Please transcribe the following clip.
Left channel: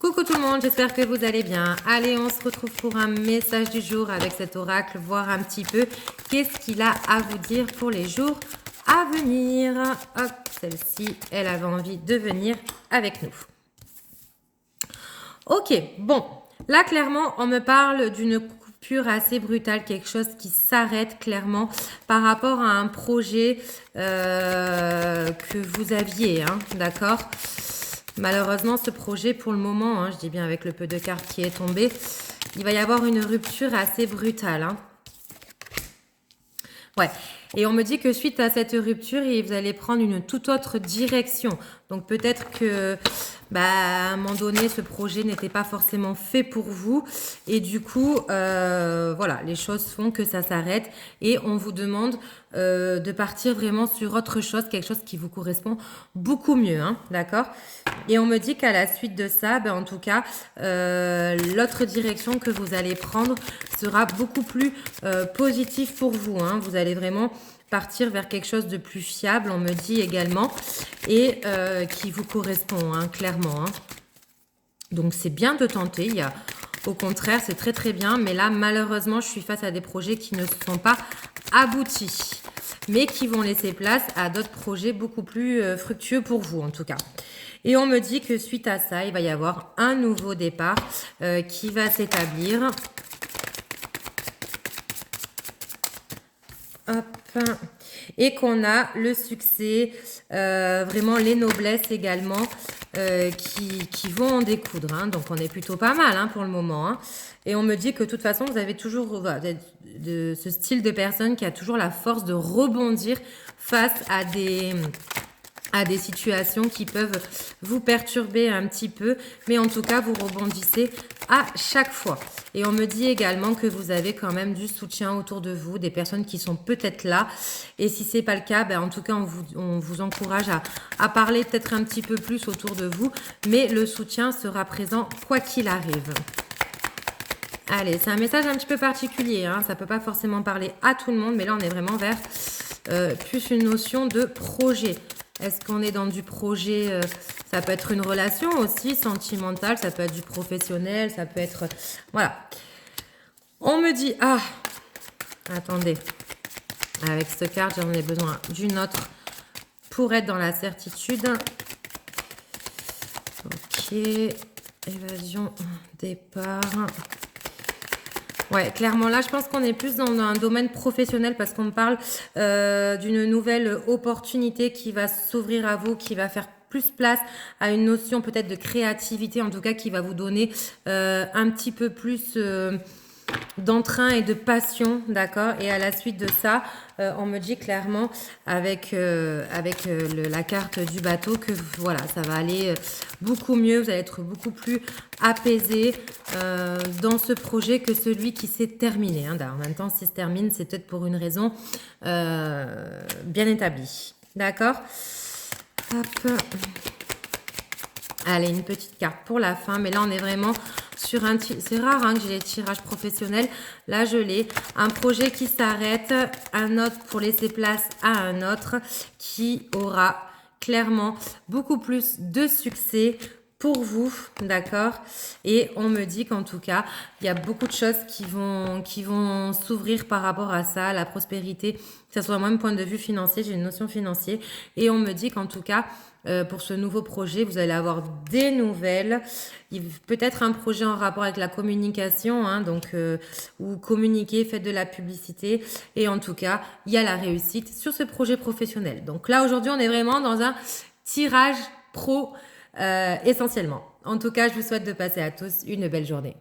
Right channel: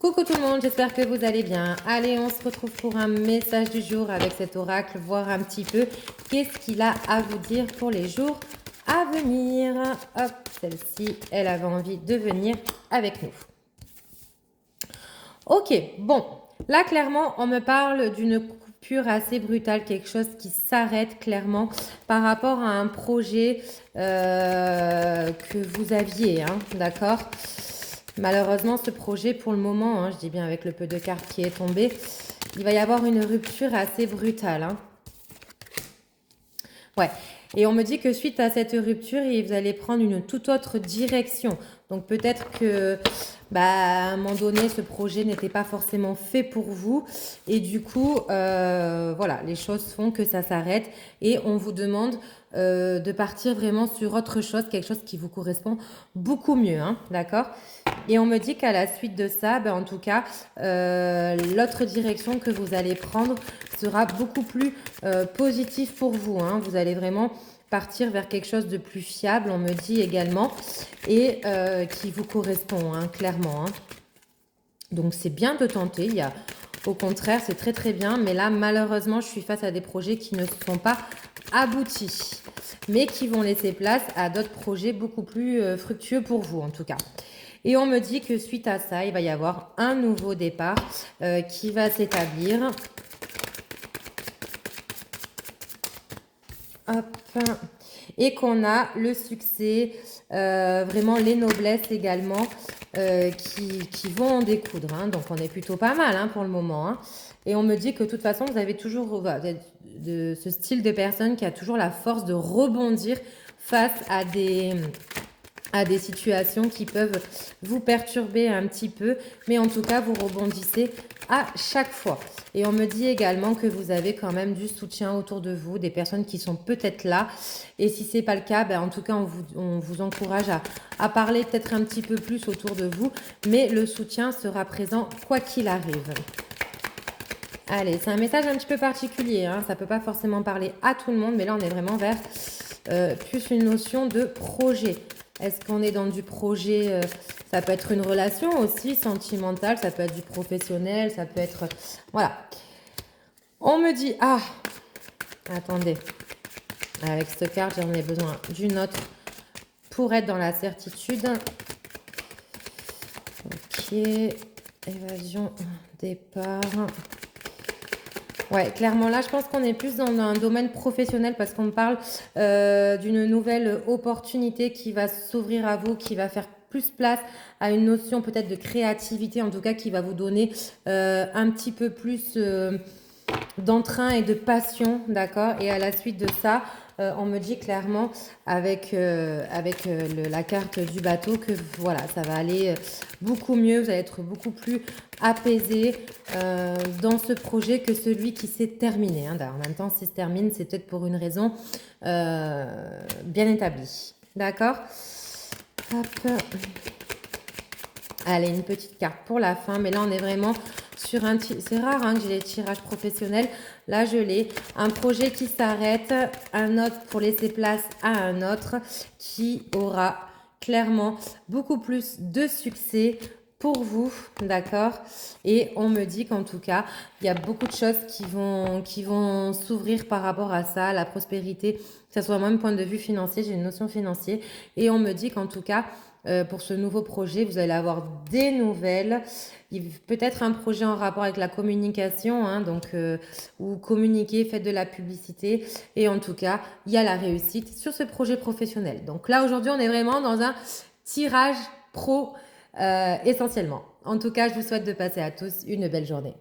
Coucou tout le monde, j'espère que vous allez bien. Allez, on se retrouve pour un message du jour avec cet oracle, voir un petit peu qu'est-ce qu'il a à vous dire pour les jours à venir. Hop, celle-ci, elle avait envie de venir avec nous. Ok, bon, là clairement, on me parle d'une coupure assez brutale, quelque chose qui s'arrête clairement par rapport à un projet que vous aviez, hein, d'accord ? Malheureusement, ce projet, pour le moment, hein, je dis bien avec le peu de cartes qui est tombé, il va y avoir une rupture assez brutale. Hein. Ouais. Et on me dit que suite à cette rupture, vous allez prendre une toute autre direction. Donc peut-être que à un moment donné, ce projet n'était pas forcément fait pour vous. Et du coup, voilà, les choses font que ça s'arrête. Et on vous demande de partir vraiment sur autre chose, quelque chose qui vous correspond beaucoup mieux. Hein, d'accord ? Et on me dit qu'à la suite de ça, en tout cas, l'autre direction que vous allez prendre sera beaucoup plus positive pour vous. Hein. Vous allez vraiment partir vers quelque chose de plus fiable, on me dit également, et qui vous correspond, hein, clairement. Hein. Donc c'est bien de tenter, au contraire, c'est très très bien, mais là, malheureusement, je suis face à des projets qui ne sont pas aboutis, mais qui vont laisser place à d'autres projets beaucoup plus fructueux pour vous, en tout cas. Et on me dit que suite à ça, il va y avoir un nouveau départ qui va s'établir. Hop. Et qu'on a le succès, vraiment les noblesses également qui vont en découdre. Hein. Donc on est plutôt pas mal hein, pour le moment. Hein. Et on me dit que de toute façon, vous avez toujours de ce style de personne qui a toujours la force de rebondir face à des situations qui peuvent vous perturber un petit peu, mais en tout cas, vous rebondissez à chaque fois. Et on me dit également que vous avez quand même du soutien autour de vous, des personnes qui sont peut-être là. Et si ce n'est pas le cas, en tout cas, on vous encourage à parler peut-être un petit peu plus autour de vous, mais le soutien sera présent quoi qu'il arrive. Allez, c'est un message un petit peu particulier, hein. Ça ne peut pas forcément parler à tout le monde, mais là, on est vraiment vers plus une notion de projet. Est-ce qu'on est dans du projet, ça peut être une relation aussi sentimentale, ça peut être du professionnel, ça peut être... Voilà. On me dit... Ah, attendez. Avec cette carte, j'en ai besoin d'une autre pour être dans la certitude. Ok. Évasion, départ... Ouais, clairement, là, je pense qu'on est plus dans un domaine professionnel parce qu'on parle d'une nouvelle opportunité qui va s'ouvrir à vous, qui va faire plus place à une notion peut-être de créativité, en tout cas, qui va vous donner un petit peu plus d'entrain et de passion, d'accord ? Et à la suite de ça, on me dit clairement avec la carte du bateau que voilà, ça va aller beaucoup mieux, vous allez être beaucoup plus apaisé dans ce projet que celui qui s'est terminé. Hein. En même temps, s'il se termine, c'est peut-être pour une raison bien établie. D'accord ? Hop. Allez, une petite carte pour la fin, mais là, on est vraiment sur un... C'est rare hein, que j'ai les tirages professionnels. Là, je l'ai. Un projet qui s'arrête, un autre pour laisser place à un autre qui aura clairement beaucoup plus de succès pour vous, d'accord? Et on me dit qu'en tout cas, il y a beaucoup de choses qui vont s'ouvrir par rapport à ça, la prospérité, que ce soit moi, mon point de vue financier, j'ai une notion financière. Et on me dit qu'en tout cas, pour ce nouveau projet, vous allez avoir des nouvelles. Peut-être un projet en rapport avec la communication, hein, donc ou communiquer, faites de la publicité. Et en tout cas, il y a la réussite sur ce projet professionnel. Donc là, aujourd'hui, on est vraiment dans un tirage pro essentiellement. En tout cas, je vous souhaite de passer à tous une belle journée.